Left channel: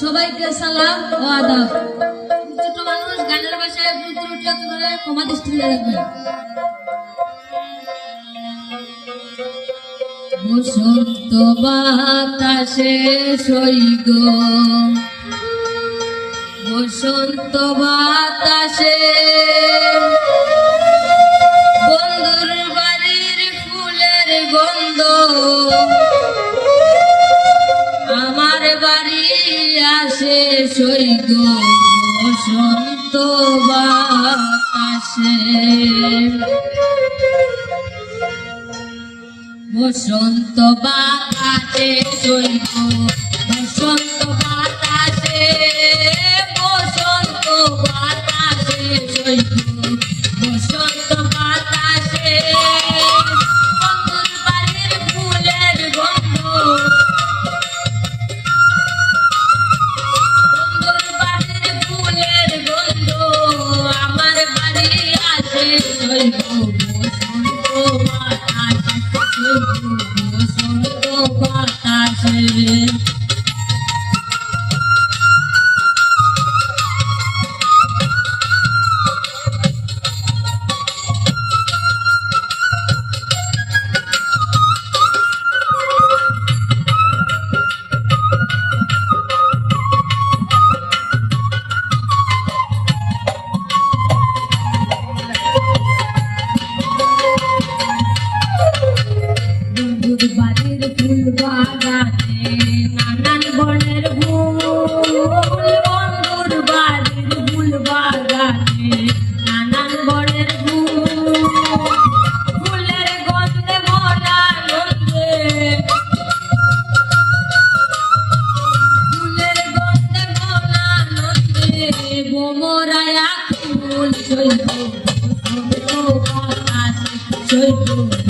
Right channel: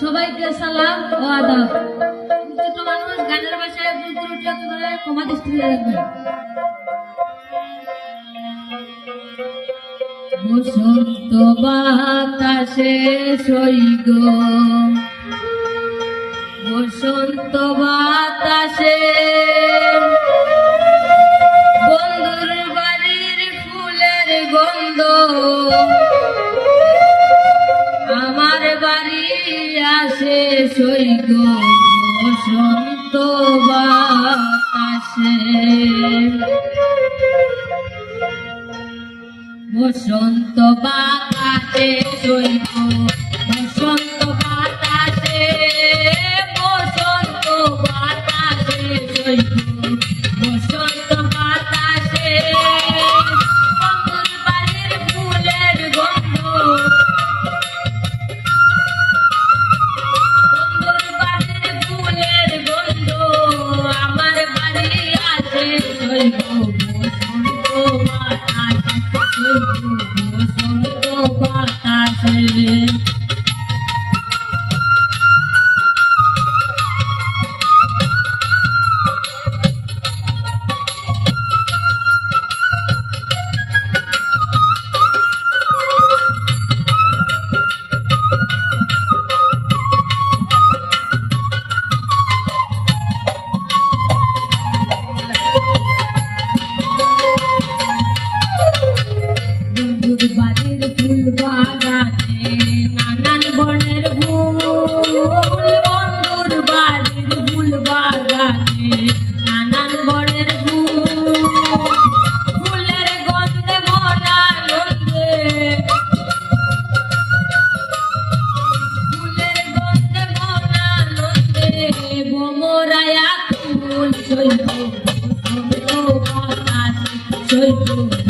সবাইকে সালাম ও আদাব। ছোট মানুষ গানের ভাষায় ভুল ত্রুটি হতে পারে, ক্ষমা দৃষ্টিতে রাখবেন। বসন্ত বাতাসে সইগ, বসন্ত বাতাসে বন্ধুর বাড়ির ফুলের গন্ধ আমার বাড়ি আসে সইগ, বসন্ত বাতাসে বসন্ত বাতাসে সইগ, বসন্ত বাতাসে বসন্ত বাতাসে সইগ, বসন্ত বাতাসে বন্ধুর বাড়ির ফুলের গন্ধ বন্ধুর বাড়ির ফুলের গন্ধ আমার বাড়ি আসে সইগ, বসন্ত বাতাসে বসন্ত বাতাসে। নানান বনের ফুল, বন্ধুর বাড়ির ফুল বাগানে নানান বনের ফুল, ফুলের গন্ধে মরা নন্দে ফুলের গন্ধে মরা নন্দে বোমরায়া ফুল সইগ, সইগ